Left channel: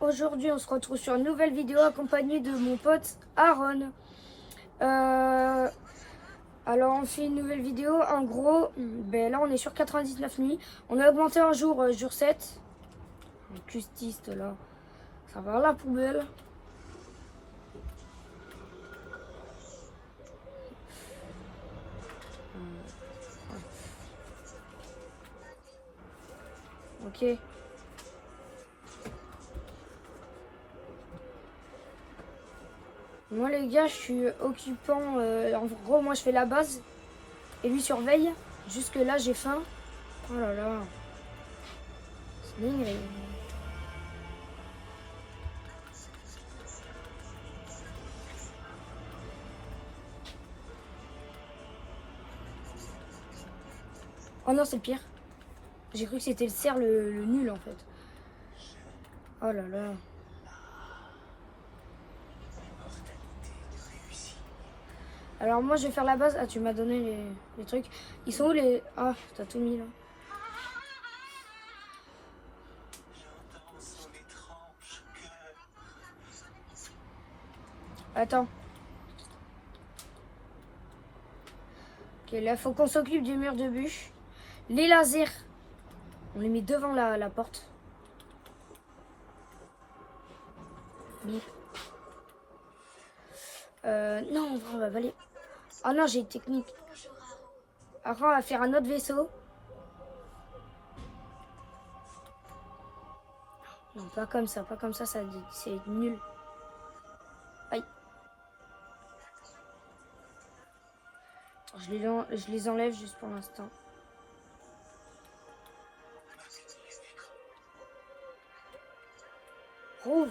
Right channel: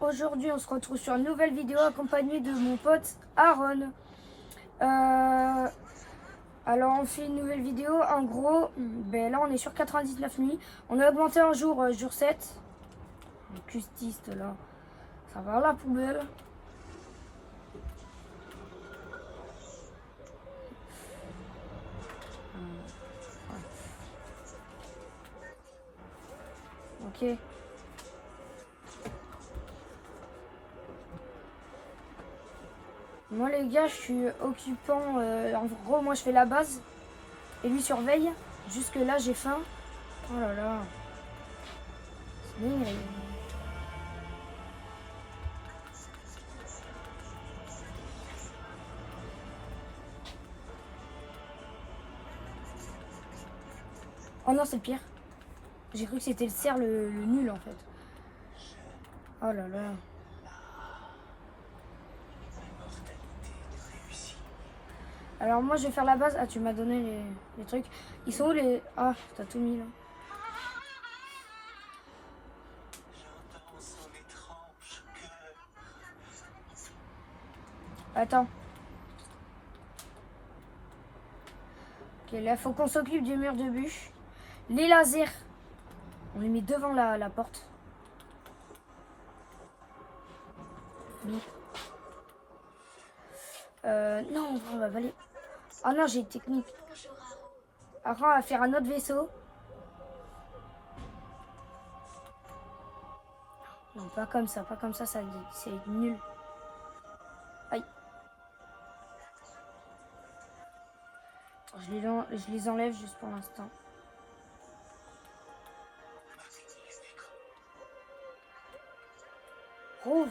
Aujourd'hui on se retrouve sur une nouvelle vidéo accompagnée de mon pote Aaron. Alors on fait une nouvelle vidéo, en gros, là on est sur 99 nuits. On a augmenté un jour, jour 7. Le custiste là, ça va à la poubelle. Ok. Moi les gars, je suis occupant. En gros, moi je fais la base et lui surveille. Jusque là j'ai faim. Oh là là. C'est bien. Oh non, c'est le pire. J'ai cru que c'était le cerf le nul en fait. Oh là là. Alors moi je vais faire la base. Ah, tu m'as donné les trucs. Ils sont où les... Ah, t'as tout mis là. Attends. Ok, là faut qu'on s'occupe du mur de bûche. Les lasers, on les met devant la porte. Bip. Non, on va aller. Ah non, j'ai une technique. Après, on va faire un autre vaisseau. Non, pas comme ça, pas comme ça, c'est nul. Aïe. Je les enlève juste pour l'instant. Rouve.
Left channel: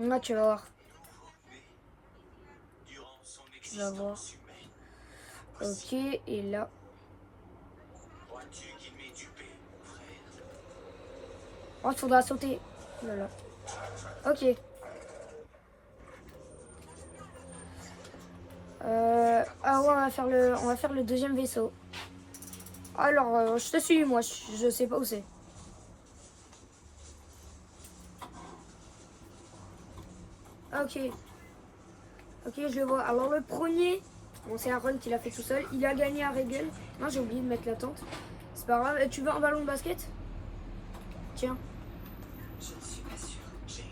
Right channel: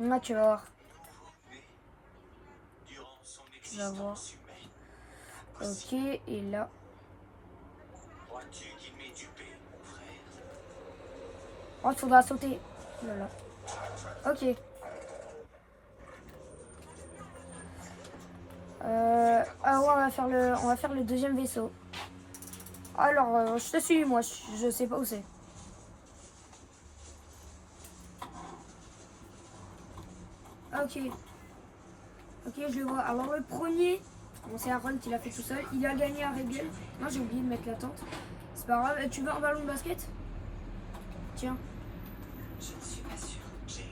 Là, tu vas voir. Tu vas voir. Ok, et là. Oh, il faudra sauter. Voilà. Ok. Ah ouais, on va faire le deuxième vaisseau. Alors, je te suis, moi. Je sais pas où c'est. Ok. Ok, je le vois. Alors, le premier, bon, c'est Aaron qui l'a fait tout seul. Il a gagné à Régel. Non, j'ai oublié de mettre la tente. C'est pas grave. Tu veux un ballon de basket? Tiens. Je ne suis pas sûre, Jane.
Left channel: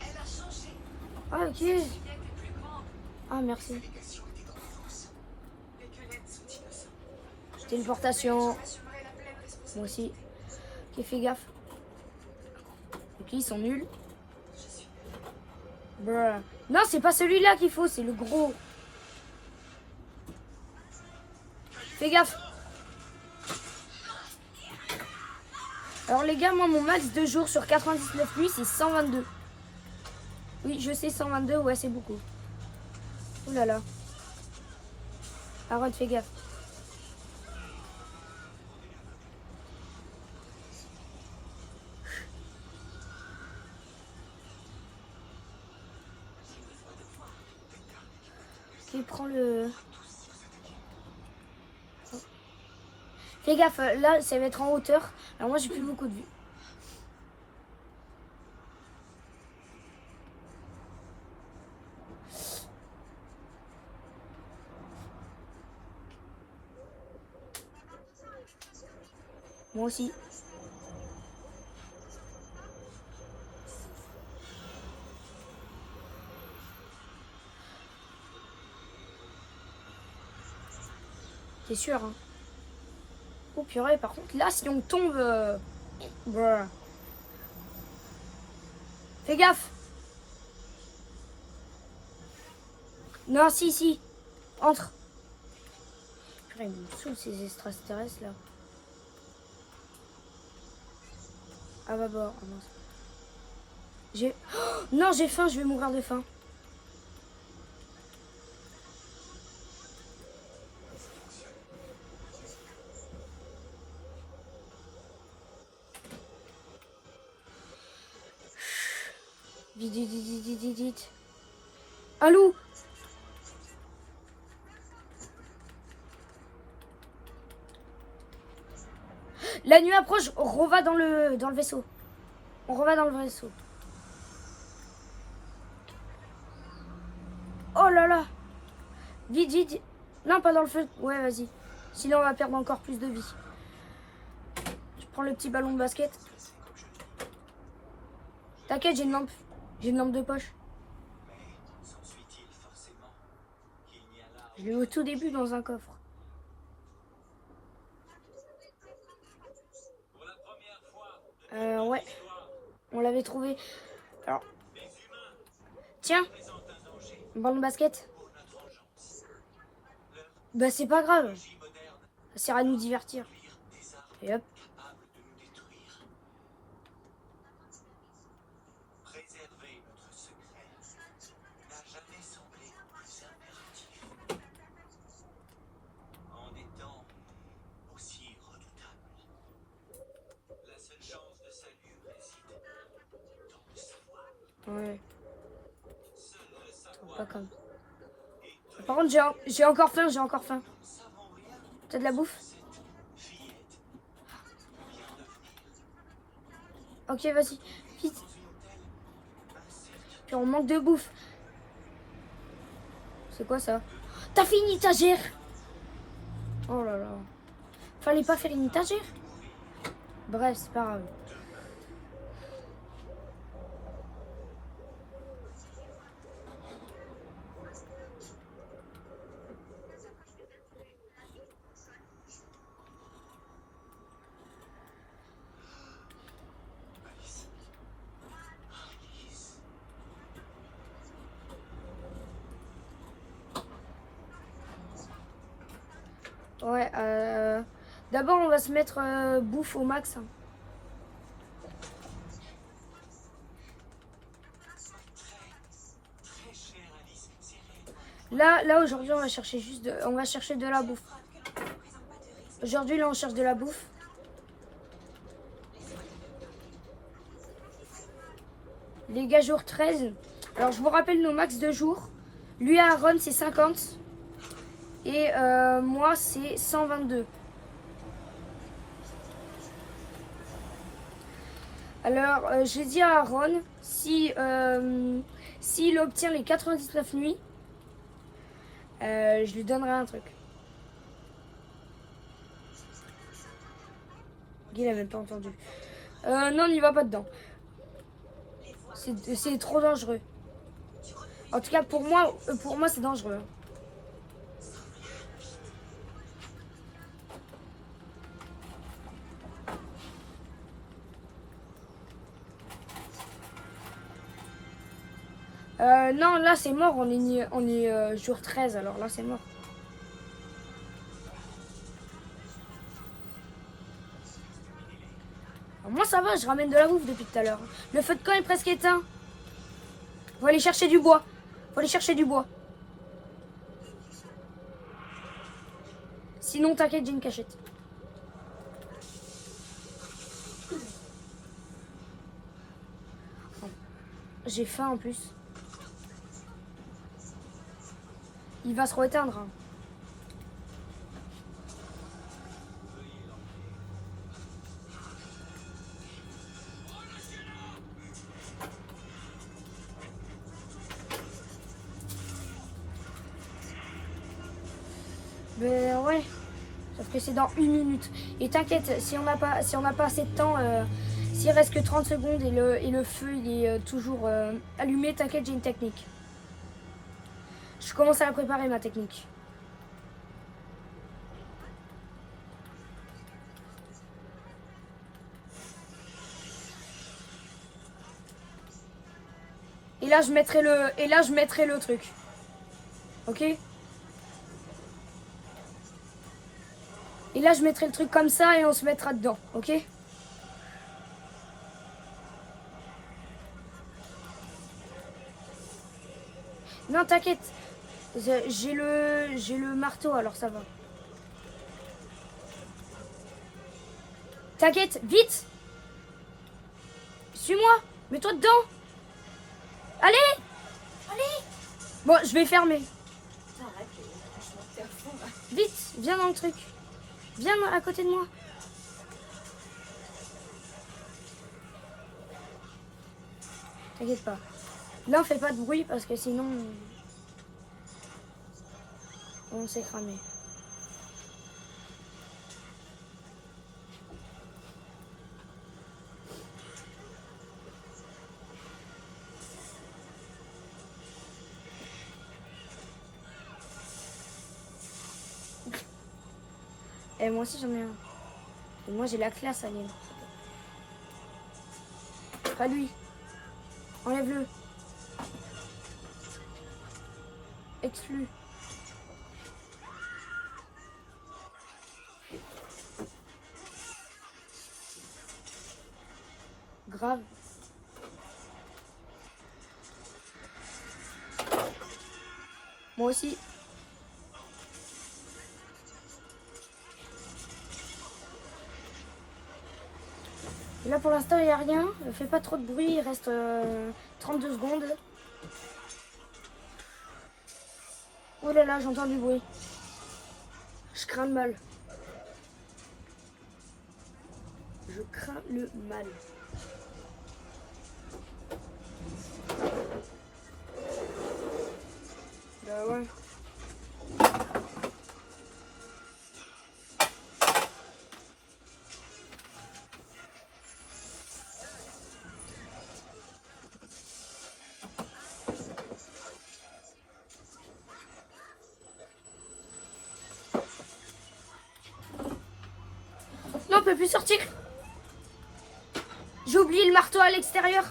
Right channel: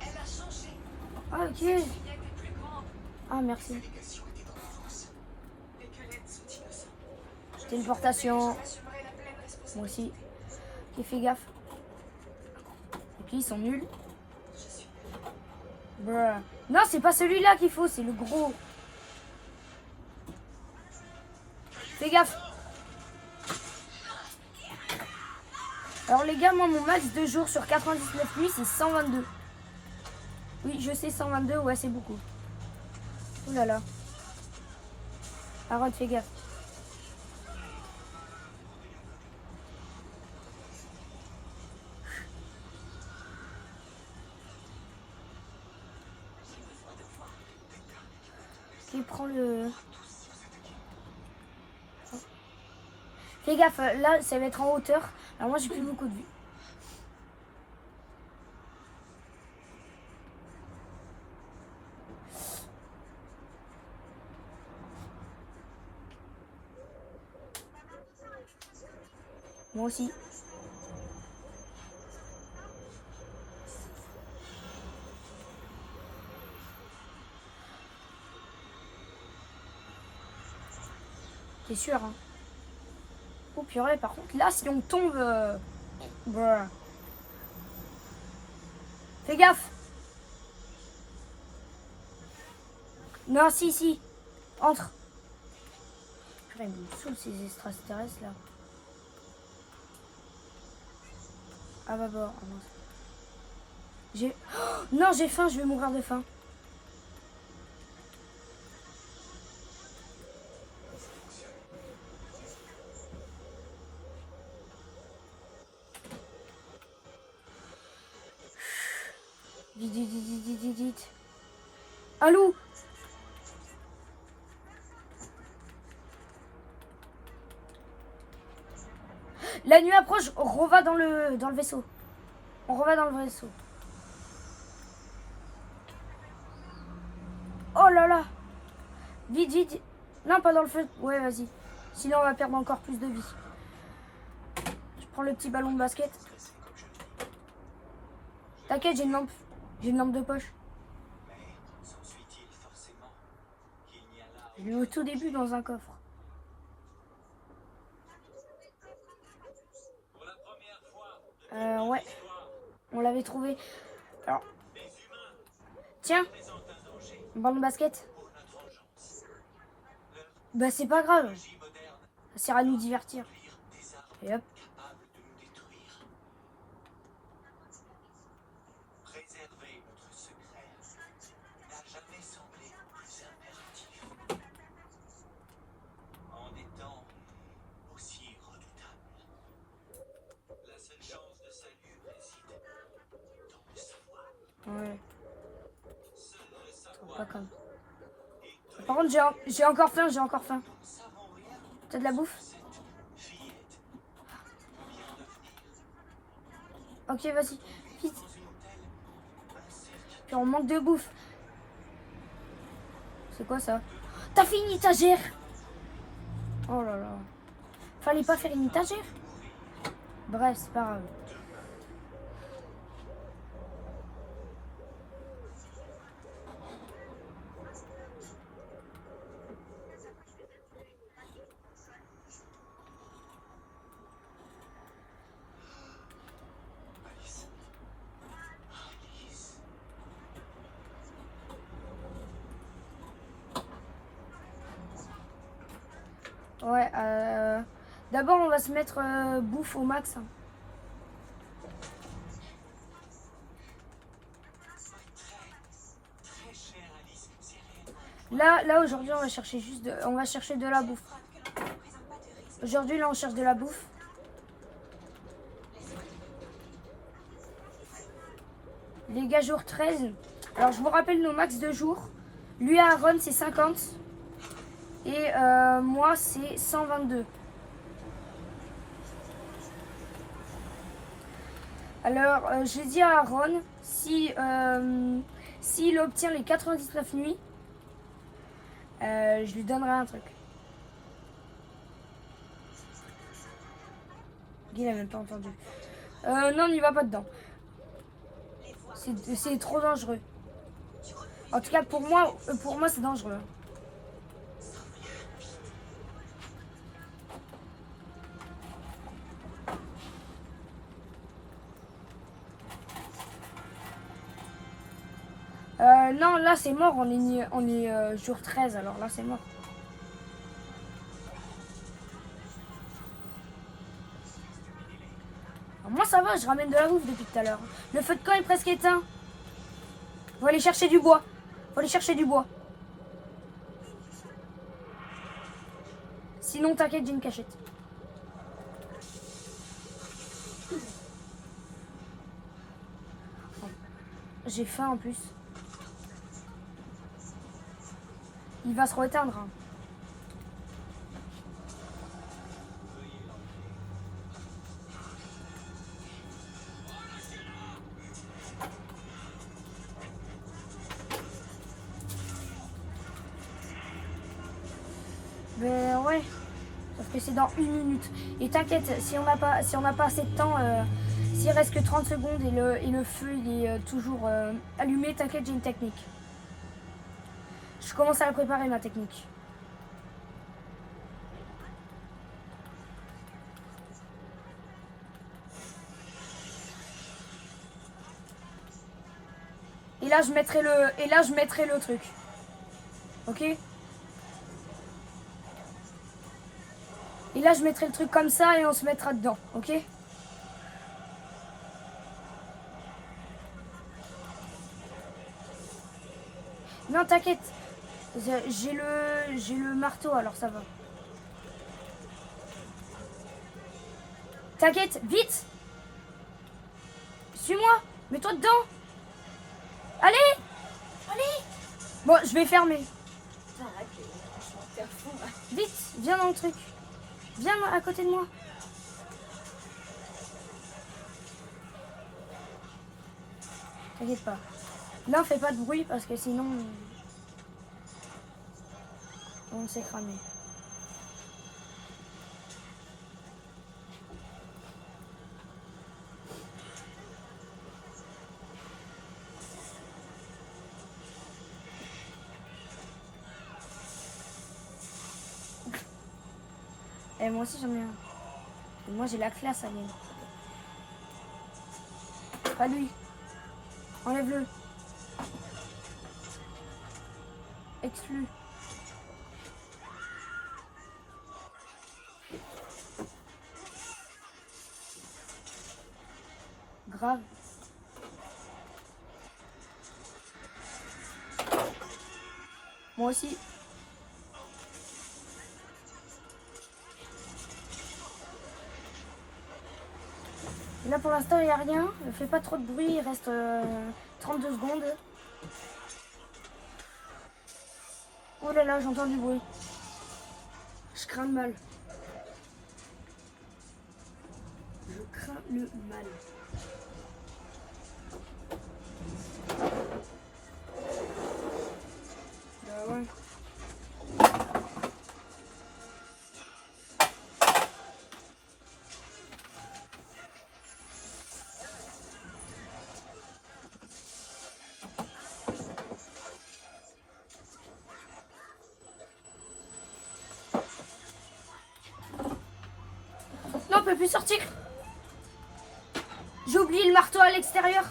Elle a changé. Ah, ok. Bien que plus grande, Ah, merci. l'éducation était en France. Et que l'aide sont innocents. Téléportation. J'assumerai la pleine responsabilité. Moi aussi. Ok, fais gaffe. Ok, ils sont nuls. Bruh. Non, c'est pas celui-là qu'il faut, c'est le gros. Fais gaffe. Alors les gars, moi mon max de jours sur 99 nuits c'est 122. Oui, je sais, 122, ouais, c'est beaucoup. Ouh là là. Arrête, fais gaffe. Ok, prends le... Fais gaffe, là ça va être en hauteur. Alors moi j'ai plus beaucoup de vue. Moi aussi. T'es sûr, hein? Oh purée, par contre, là si on tombe... Bruh. Fais gaffe. Non, si. Entre. Purée, ils me saoulent ces extraterrestres là. Ah bah bon, oh, mince. J'ai... Oh, non, j'ai faim, je vais mourir de faim. Vite. Un loup. La nuit approche, on reva dans le vaisseau. On reva dans le vaisseau. Oh là là. Vite, vite. Non, pas dans le feu. Ouais, vas-y. Sinon, on va perdre encore plus de vie. Je prends le petit ballon de basket. T'inquiète, j'ai une lampe. J'ai une lampe de poche. S'ensuit-il forcément qu'il n'y a là Je l'ai au tout début dans un coffre. pour la première fois Ouais. On l'avait trouvé. Alors. Tiens. Un ballon de basket. Bah, c'est pas grave. Ça sert à nous divertir. Et hop. capable de nous détruire. Préserver notre secret n'a jamais semblé plus impératif. En des temps aussi redoutables. La seule chance de salut réside dans le savoir. Ouais. Seul le savoir Pas comme. Par contre, j'ai encore faim, j'ai encore faim. T'as de la bouffe? Ok, vas-y, vite. Puis on manque de bouffe. C'est quoi ça? T'as fait une étagère? Oh là là. Fallait pas faire une étagère? Bref, c'est pas grave. Ouais, d'abord on va se mettre bouffe au max. Hein. Là aujourd'hui on va chercher on va chercher de la bouffe. Aujourd'hui là on cherche de la bouffe. Les gars jour 13. Alors je vous rappelle nos max de jours. Lui à Aaron c'est 50. Et moi c'est 122. Alors j'ai dit à Aaron si s'il obtient les 99 nuits, je lui donnerai un truc. Il a même pas entendu. Non, on n'y va pas dedans. C'est trop dangereux. En tout cas pour moi c'est dangereux. Non, là c'est mort, on est jour 13, alors là c'est mort. Alors, moi ça va, je ramène de la bouffe depuis tout à l'heure. Le feu de camp est presque éteint. Faut aller chercher du bois. Faut aller chercher du bois. Sinon t'inquiète, j'ai une cachette. J'ai faim en plus. Il va se reteindre. Hein. Mais ouais. Sauf que c'est dans 1 minute. Et t'inquiète, si on n'a pas assez de temps, s'il reste que 30 secondes et le feu il est toujours allumé, t'inquiète, j'ai une technique. Je commence à la préparer ma technique. Et là je mettrai le truc. Ok? Et là je mettrai le truc comme ça et on se mettra dedans. Ok? Non, t'inquiète. J'ai le marteau, alors ça va. T'inquiète, vite. Suis-moi. Mets-toi dedans. Allez. Allez. Bon, je vais fermer. Vite, viens dans le truc. Viens à côté de moi. T'inquiète pas. Là, fais pas de bruit parce que sinon, on s'est cramé. Et moi aussi, j'en ai un. Et moi, j'ai la classe, Alien. Pas lui. Enlève-le. Exclu. Grave. Moi aussi. Là pour l'instant il n'y a rien, ne fais pas trop de bruit, il reste 32 secondes. Oh là là, j'entends du bruit. Je crains le mal. Je crains le mal. Bah ouais. Non, on peut plus sortir. J'ai oublié le marteau à l'extérieur.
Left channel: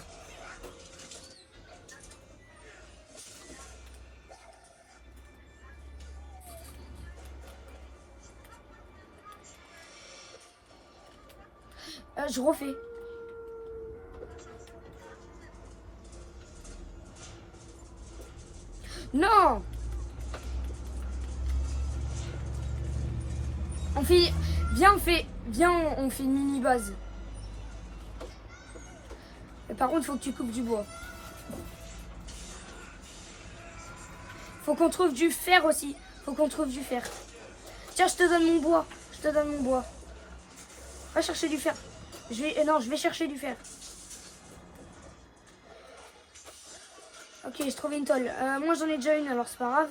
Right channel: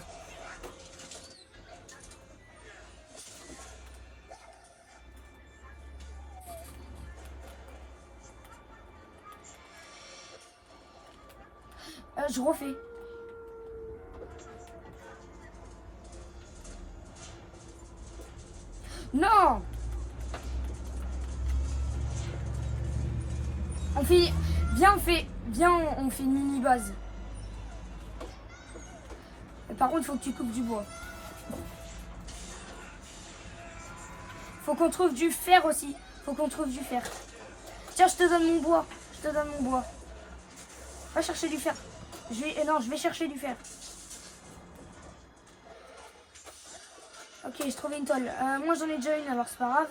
Je refais. Non. On fait... Viens, on fait une mini-base. Par contre, il faut que tu coupes du bois. Faut qu'on trouve du fer aussi. Faut qu'on trouve du fer. Tiens, je te donne mon bois. Je te donne mon bois. Va chercher du fer. Non, je vais chercher du fer. Ok, j'ai trouvé une tôle. Moi, j'en ai déjà une, alors c'est pas grave.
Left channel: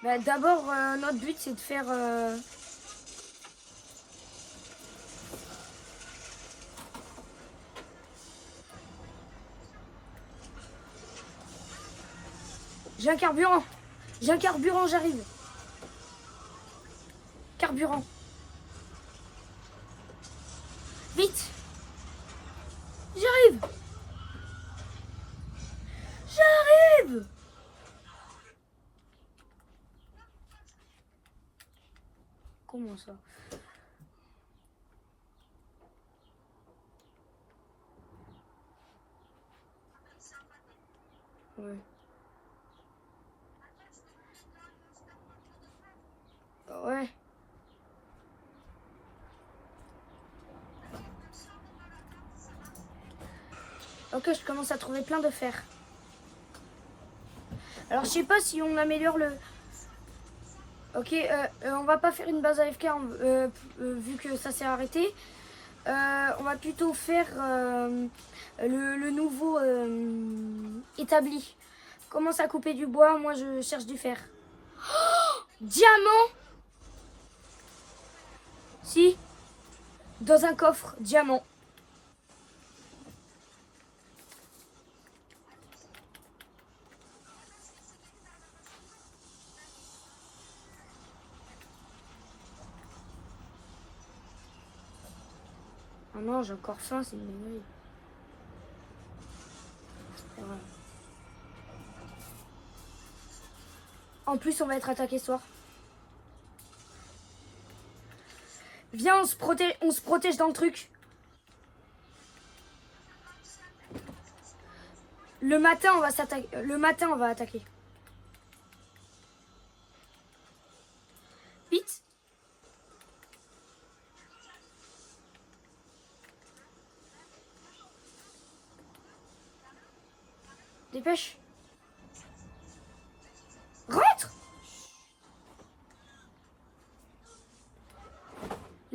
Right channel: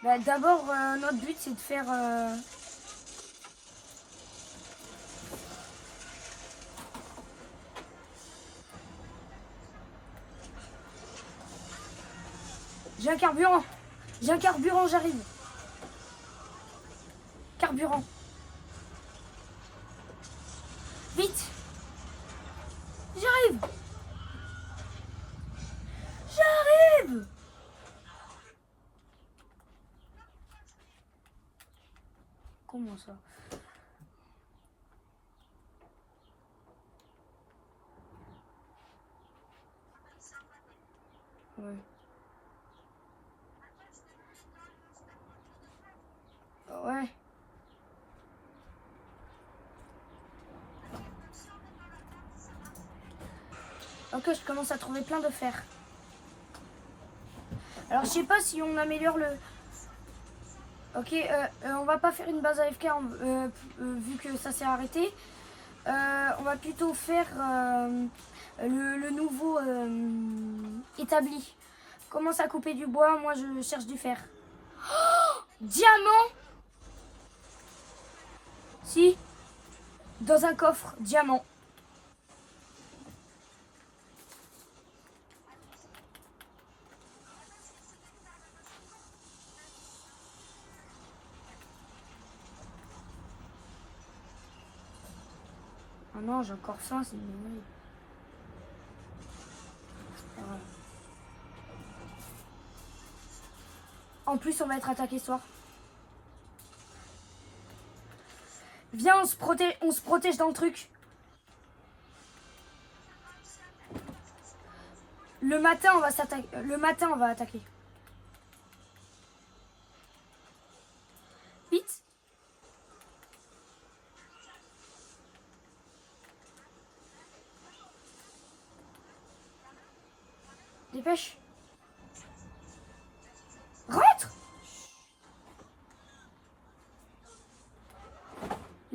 Bah, d'abord, notre but, c'est de faire... J'ai un carburant. J'ai un carburant, j'arrive. Carburant. Vite. J'arrive. J'arrive. Comment ça? Ouais. Ouais. Ok, je commence à trouver plein de fer. Alors, je sais pas si on améliore le... Ok, on va pas faire une base AFK vu que ça s'est arrêté. On va plutôt faire le nouveau établi. Commence à couper du bois, moi je cherche du fer. Oh, diamant! Si, dans un coffre, diamant. Ah non, j'ai encore faim, c'est une connerie. Voilà. En plus, on va être attaqué ce soir. Viens, on se protège dans le truc. Le matin, on va s'attaquer. Le matin, on va attaquer. Vite. Dépêche. Rentre.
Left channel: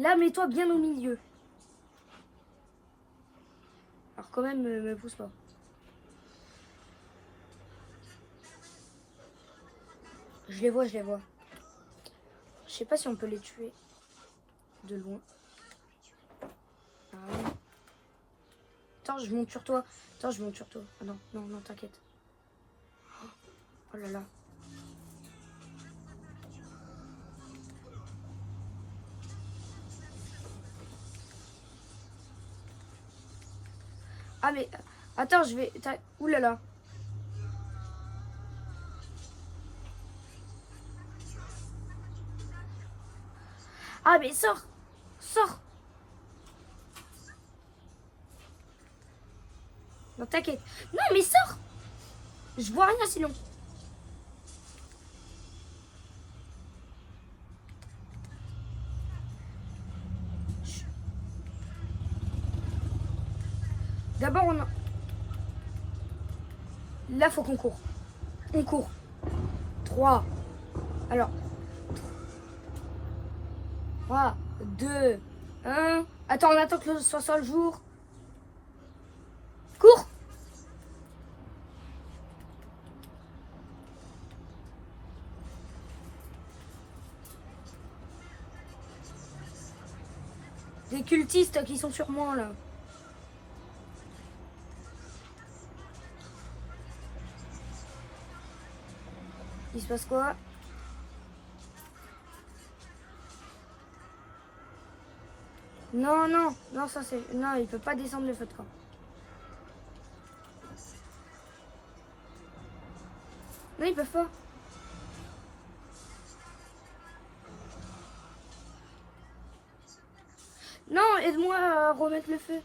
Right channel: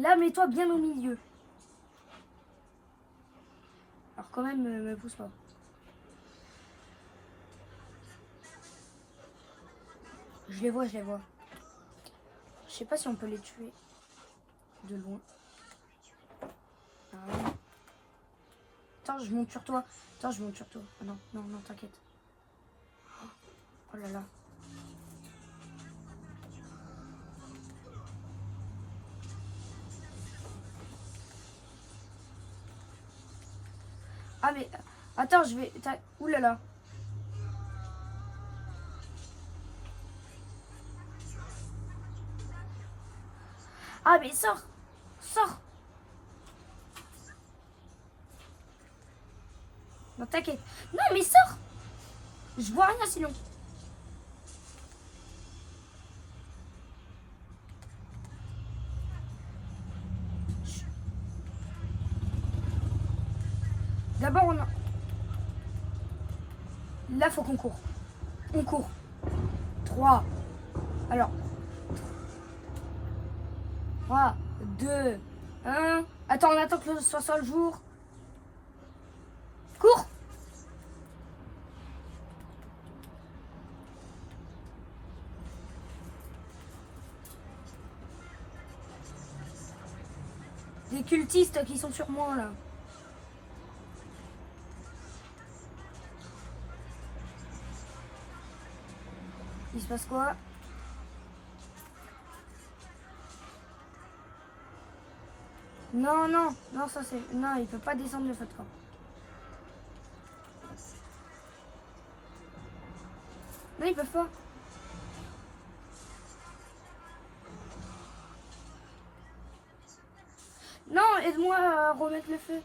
Là, mets-toi bien au milieu. Alors quand même, me pousse pas. Je les vois, je les vois. Je sais pas si on peut les tuer de loin. Ah, oui. Attends, je monte sur toi. Attends, je monte sur toi. Ah non, non, non, t'inquiète. Oh là là. Ah mais... Attends, je vais... Ouh là là. Ah mais sors. Sors. Non, t'inquiète. Non mais sors. Je vois rien sinon. D'abord, on a... Là, faut qu'on court. On court. 3. Alors. 3, 2, 1. Attends, on attend que ce soit le jour. Cours. Des cultistes qui sont sur moi, là. Il se passe quoi? Non, non, non, ça c'est... Non, il peut pas descendre le feu de camp. Non, ils peuvent pas. Non, aide-moi à remettre le feu.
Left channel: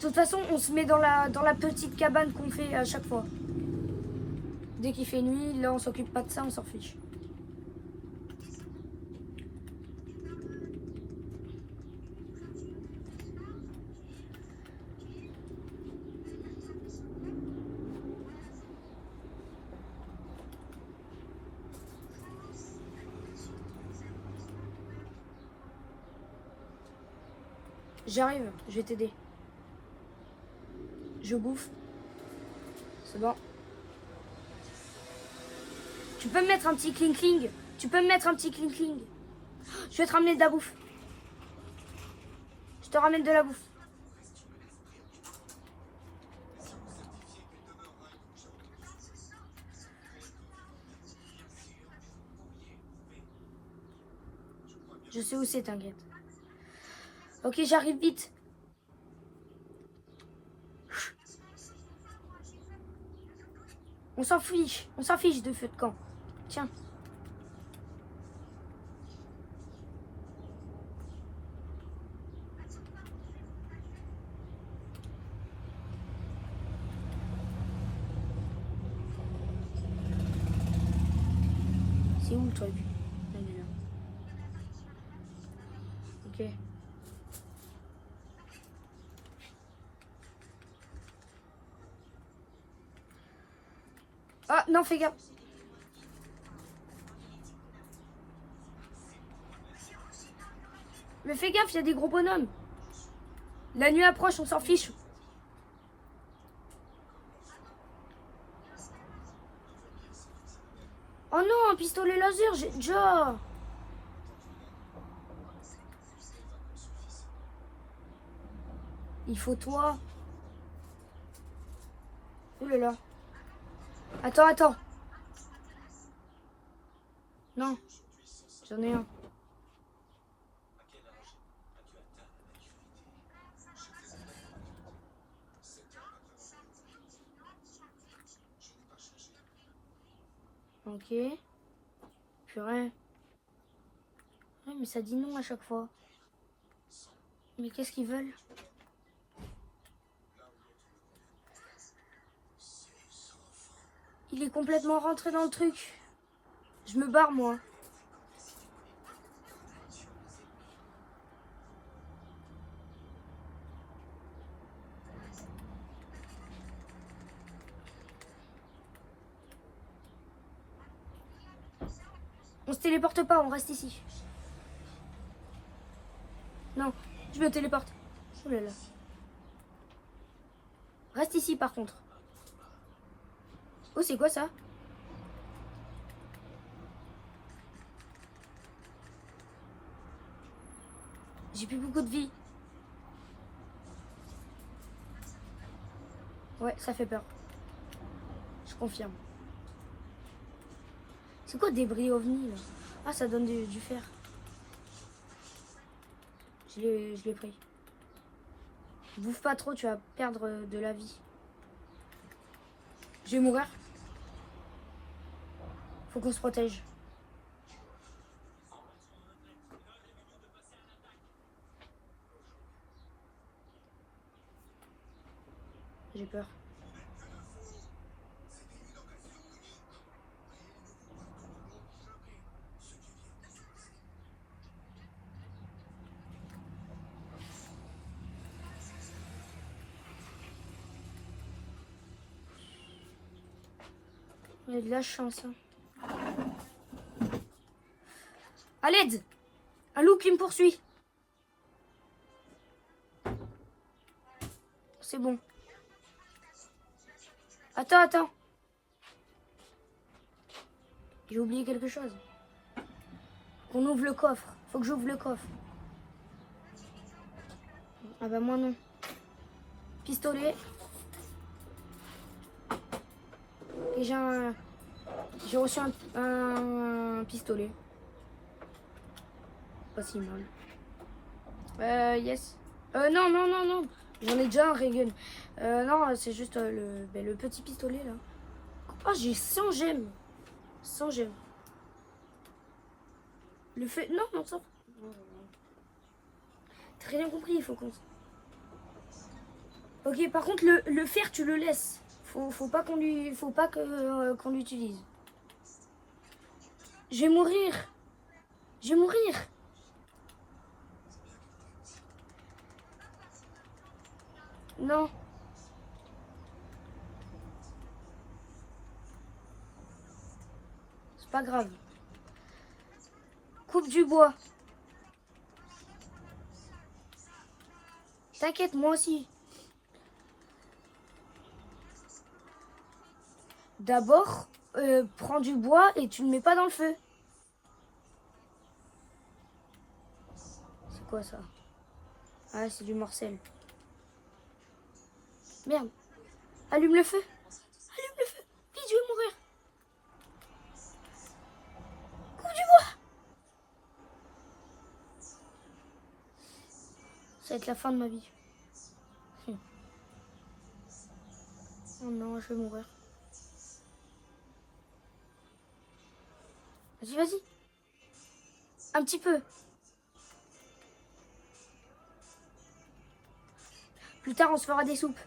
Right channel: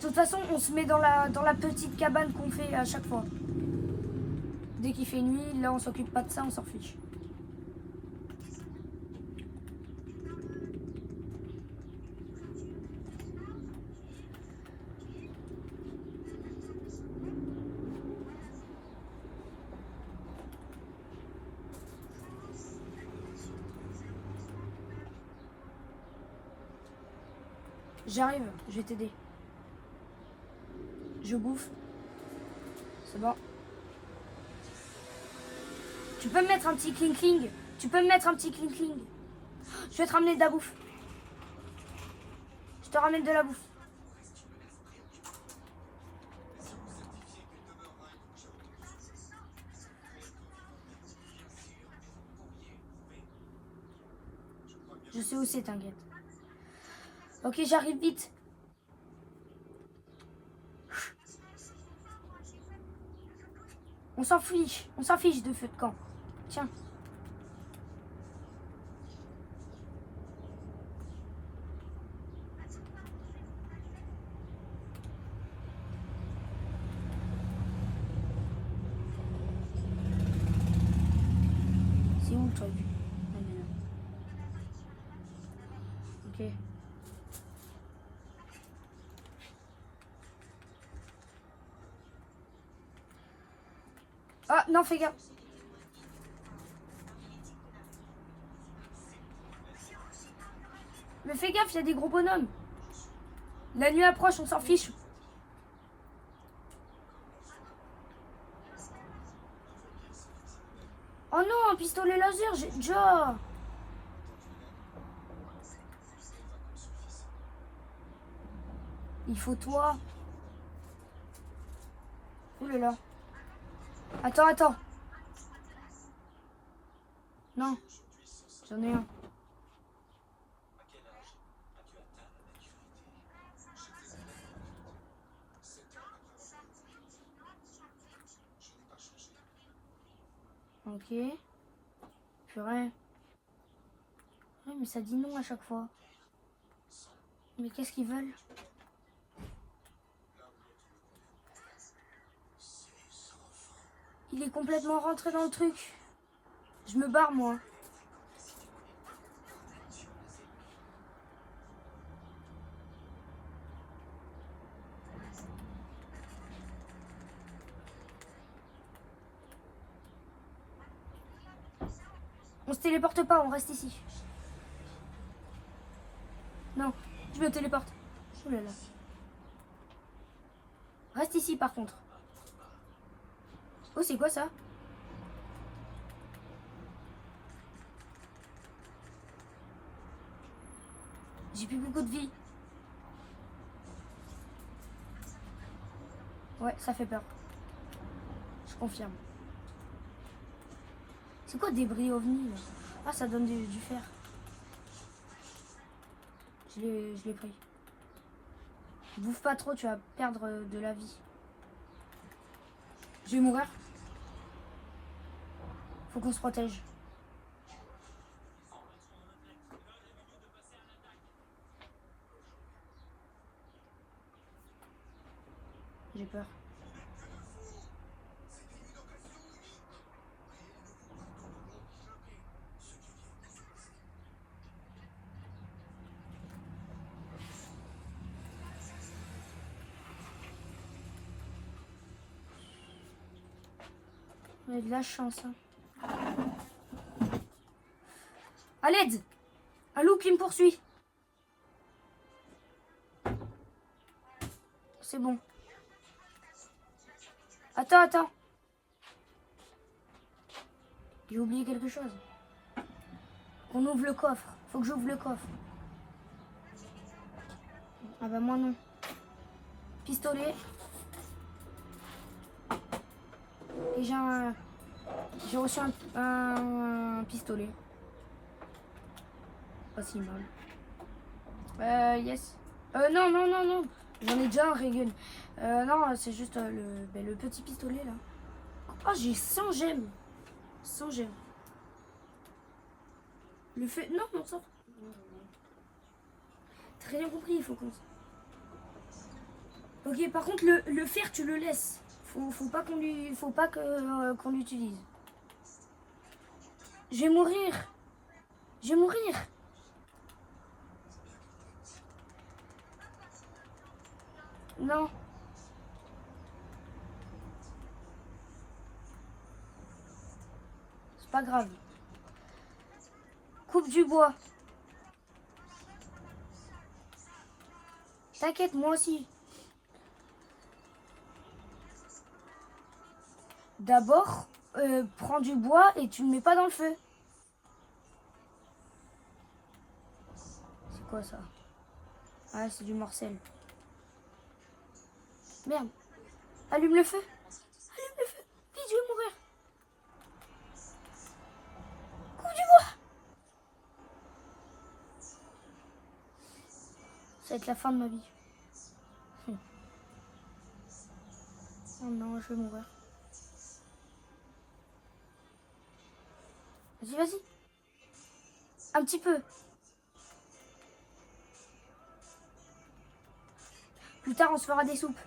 De toute façon, on se met dans la petite cabane qu'on fait à chaque fois. Dès qu'il fait nuit, là, on s'occupe pas de ça, on s'en fiche. J'arrive, je vais t'aider. Je bouffe. C'est bon. Tu peux me mettre un petit cling-cling? Tu peux me mettre un petit cling-cling? Je vais te ramener de la bouffe. Je te ramène de la bouffe. Je sais où c'est, t'inquiète. Ok, j'arrive vite. On s'en fiche de feu de camp. Tiens. C'est où le truc? Ah, il est là. Ok. Ah non, fais gaffe. Mais fais gaffe, il y a des gros bonhommes. La nuit approche, on s'en fiche. Oh non, un pistolet laser, j'ai déjà. Il faut toi. Ouh là là. Attends, attends. Non, j'en ai un. Ok. Purée. Ouais, mais ça dit non à chaque fois. Mais qu'est-ce qu'ils veulent? Il est complètement rentré dans le truc. Je me barre, moi. On se téléporte pas, on reste ici. Non, je me téléporte. Oh là là. Reste ici par contre. Oh, c'est quoi ça? J'ai plus beaucoup de vie. Ouais, ça fait peur. Je confirme. C'est quoi débris ovni là? Ah, ça donne du fer. Je l'ai pris. Bouffe pas trop, tu vas perdre de la vie. Je vais mourir. Faut qu'on se protège. J'ai peur. J'ai de la chance. Hein. À l'aide! Un loup qui me poursuit. C'est bon. Attends. J'ai oublié quelque chose. Qu'on ouvre le coffre. Faut que j'ouvre le coffre. Ah bah moi non. Pistolet. Et j'ai reçu un pistolet. Pas si mal. Yes. Non. J'en ai déjà un Reagan. Non, c'est juste le petit pistolet là. Oh, j'ai 100 gemmes. 100 gemmes. Le fait... Non, ça. Très bien compris, il faut qu'on... Ok, par contre, le fer, tu le laisses. Faut pas qu'on l'utilise. Je vais mourir. Non. C'est pas grave. Coupe du bois. T'inquiète, moi aussi. D'abord, prends du bois et tu le mets pas dans le feu. C'est quoi ça? Ah, c'est du morcel. Merde. Allume le feu. Vite, je vais mourir. Coupe du bois. Ça va être la fin de ma vie. Oh non, je vais mourir. Vas-y. Un petit peu. Plus tard, on se fera des soupes.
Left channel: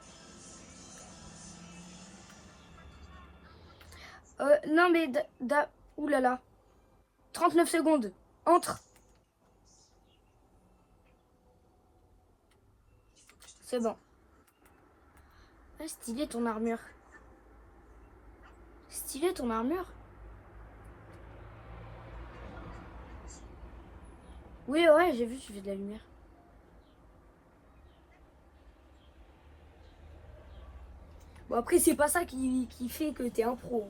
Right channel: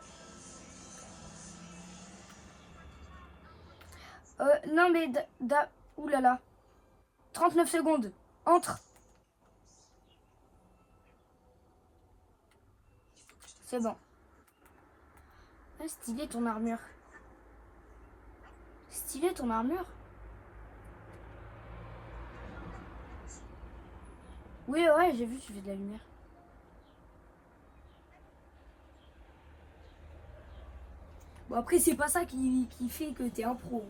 Non, mais... Ouh là là. 39 secondes. Entre. C'est bon. Ah, stylé ton armure. Oui, ouais, j'ai vu, tu fais de la lumière. Bon, après, c'est pas ça qui fait que t'es un pro.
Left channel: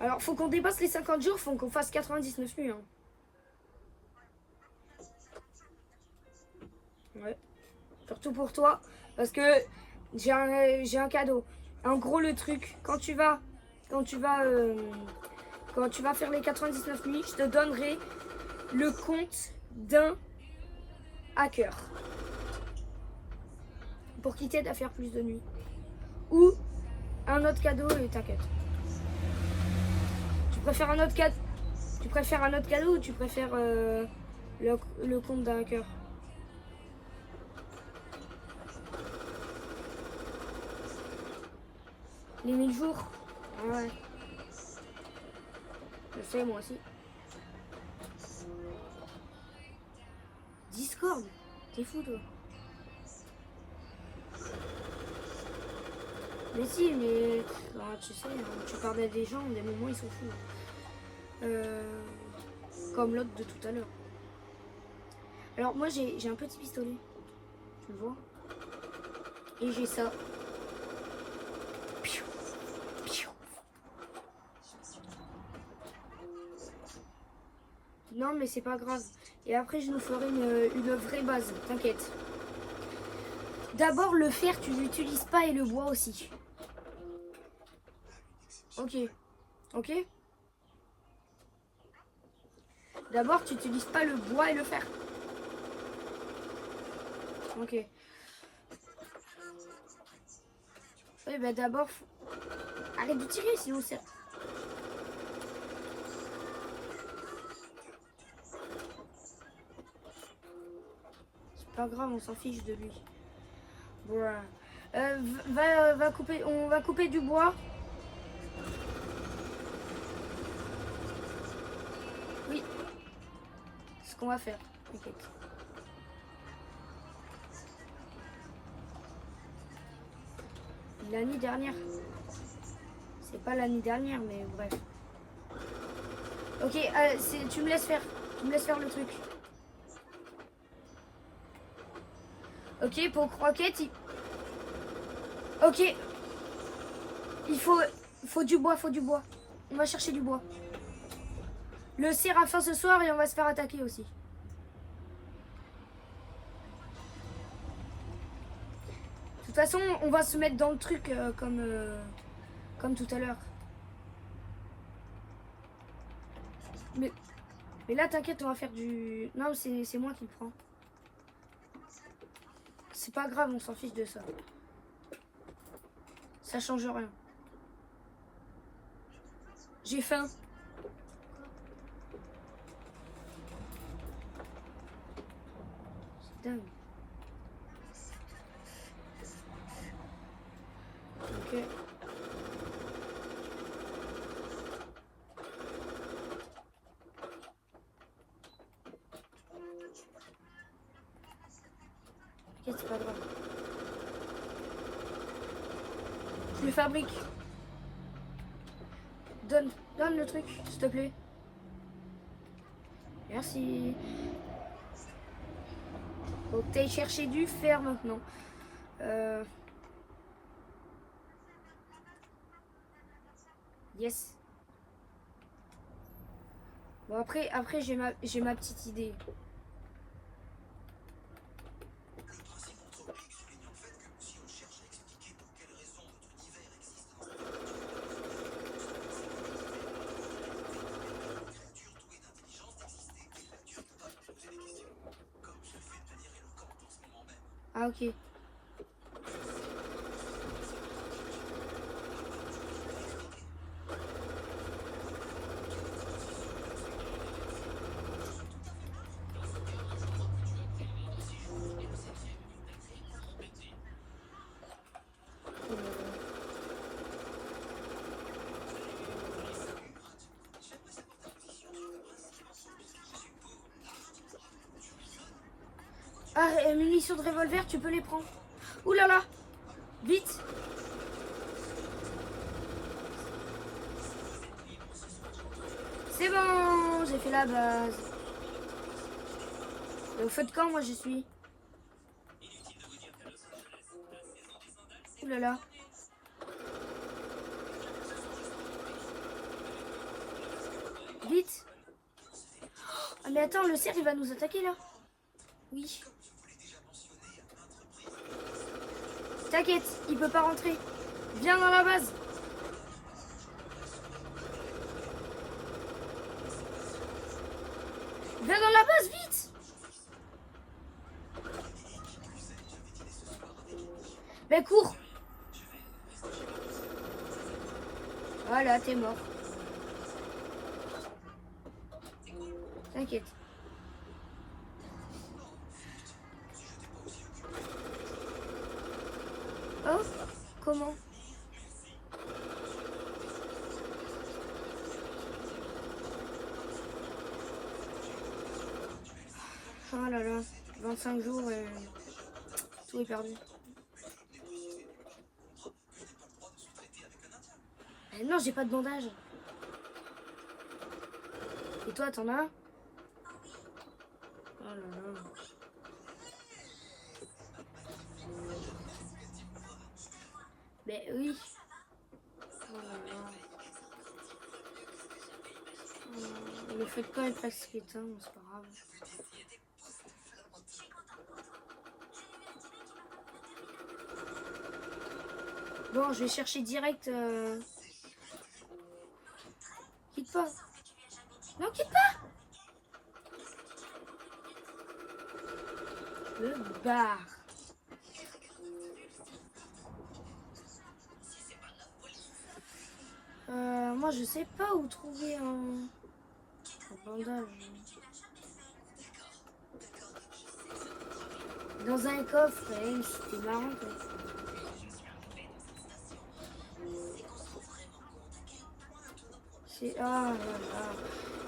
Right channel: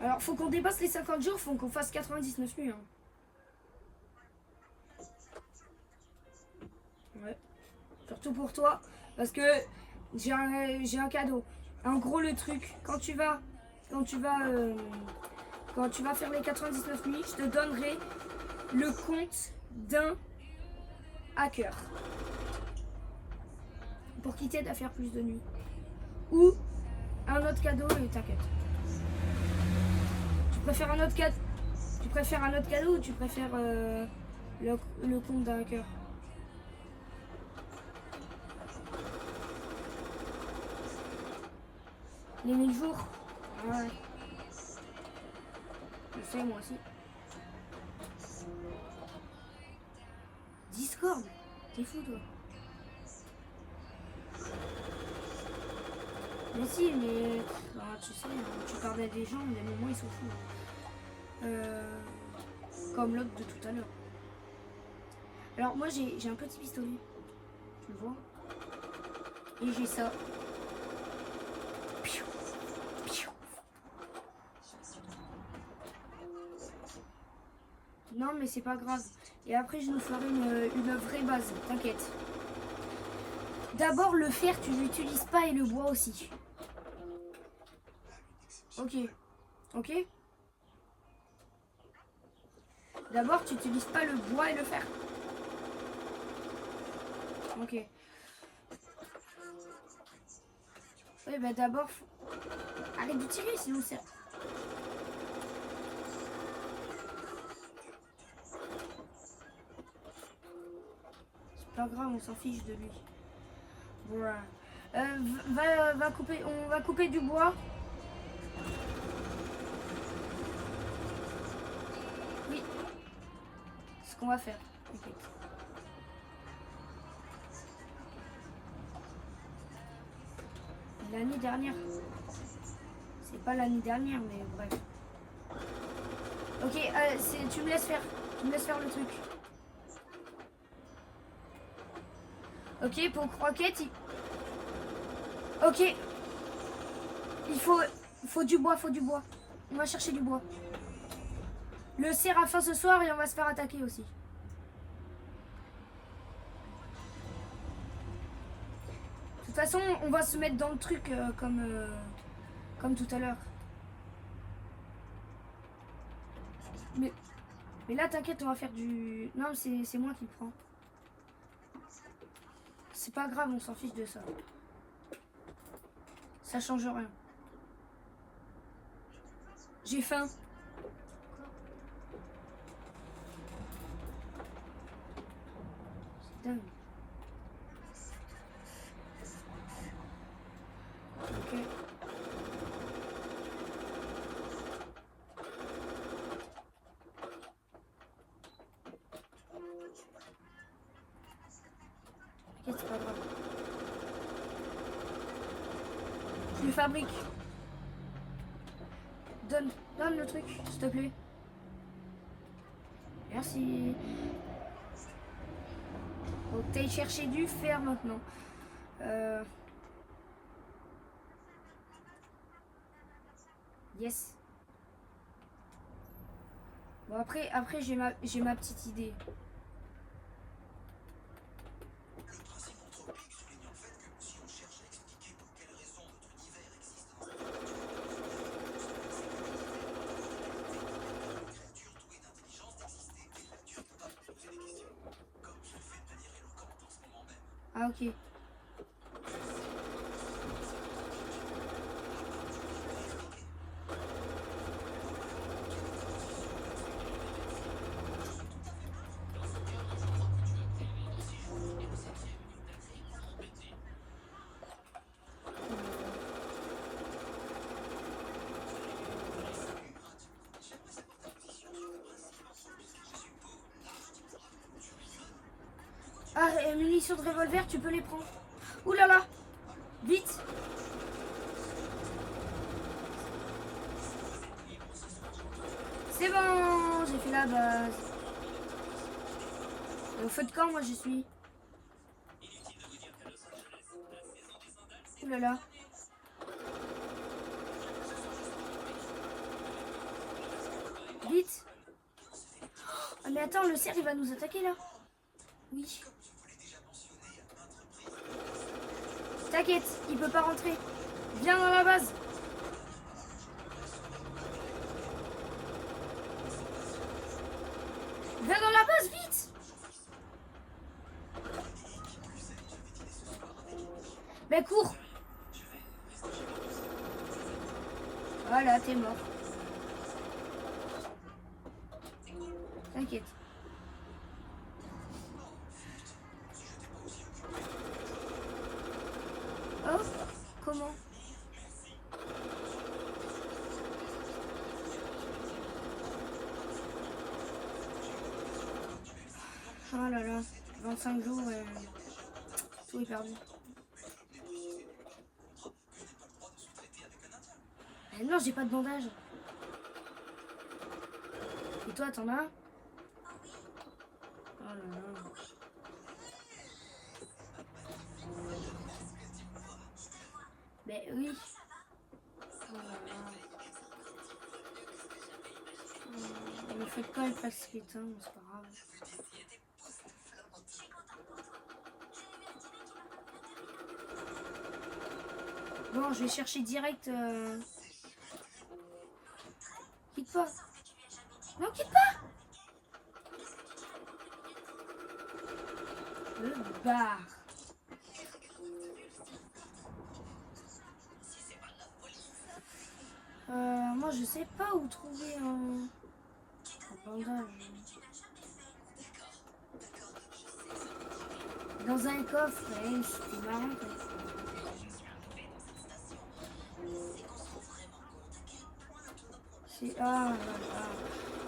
Alors, faut qu'on dépasse les 50 jours, faut qu'on fasse 99 nuits. Hein. Ouais. Surtout pour toi, parce que j'ai un cadeau. En gros, le truc, quand tu vas faire les 99 nuits, je te donnerai le compte d'un hacker pour qu'il t'aide à faire plus de nuits. Ou un autre cadeau et t'inquiète. Tu préfères un autre cadeau ou tu préfères le compte d'un hacker? Les 1000 jours? Ouais. Je sais, moi aussi. Discord? T'es fou, toi? Mais si, mais tu sais, hein, tu parles à des gens, des moments ils s'en foutent. Comme l'autre de tout à l'heure. Alors moi j'ai un petit pistolet. Tu le vois? Et j'ai ça. Piou, piou. Non mais c'est pas grave. Et après je nous ferai une vraie base, t'inquiète. D'abord le fer tu l'utilises pas et le bois aussi. Ok. Ok. D'abord tu n'utilises pas le bois et le fer. Ok. Oui bah d'abord arrête de tirer sinon c'est... C'est pas grave, on s'en fiche de lui. Voilà. Va couper, on va couper du bois. Oui. C'est ce qu'on va faire. T'inquiète. L'année dernière. C'est pas l'année dernière, mais bref. Ok, tu me laisses faire. Tu me laisses faire le truc. Ok, pour croquette. Ok. Il faut du bois, faut du bois. On va chercher du bois. Le cerf a faim ce soir et on va se faire attaquer aussi. De toute façon, on va se mettre dans le truc comme tout à l'heure. Mais là, t'inquiète, on va faire du... Non, c'est moi qui le prends. C'est pas grave, on s'en fiche de ça. Ça change rien. J'ai faim. C'est dingue. Ok. Ok, c'est pas grave. Je le fabrique. Donne le truc, s'il te plaît. Merci. Faut que t'ailles chercher du fer maintenant. Yes. Bon après j'ai ma petite idée. Ah ok. Ah, munitions de revolver, tu peux les prendre. Ouh là là. Vite. C'est bon, j'ai fait la base. Et au feu de camp, moi je suis. Ouh là là. Vite. Ah mais attends, le cerf il va nous attaquer là. Oui. T'inquiète, il peut pas rentrer. Viens dans la base. Viens dans la base, vite. Ben cours. Voilà, t'es mort. T'inquiète. Oh, comment? Oh là là, 25 jours et tout est perdu. Non, j'ai pas de bandage. Et toi, t'en as? Oh là là. Ben oui. Oh là là. Le fait pas être presque éteint, c'est pas grave. Bon, je vais chercher direct. Quitte pas. Non, quitte pas. Le bar. Moi, je sais pas où trouver un bandage. Dans un coffre, ouais, c'était marrant. Quoi. C'est... Ah là là.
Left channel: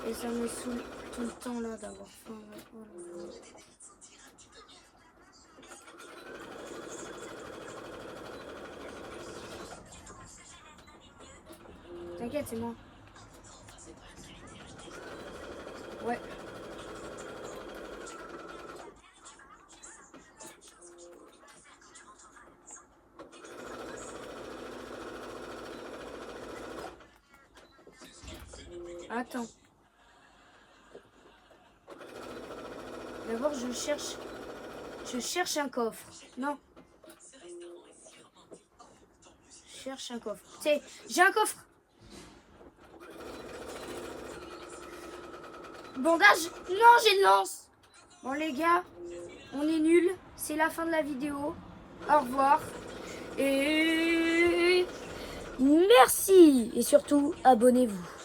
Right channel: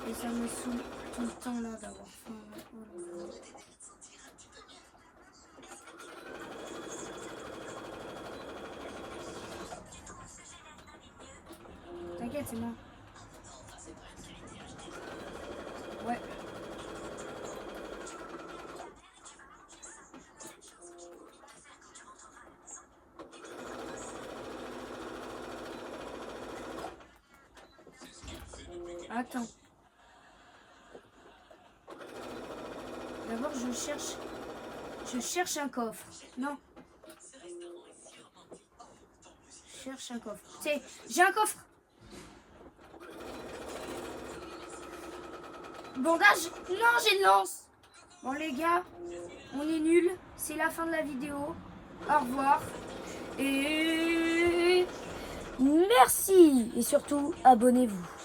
Et ça me saoule tout le temps là d'avoir faim. Là. Oh là là. T'inquiète, c'est moi. Ouais. Attends. D'abord, je cherche un coffre. Non. Je cherche un coffre. C'est, j'ai un coffre. Bandage. Non, j'ai une lance. Bon, les gars, on est nuls. C'est la fin de la vidéo. Au revoir. Et merci. Et surtout, abonnez-vous.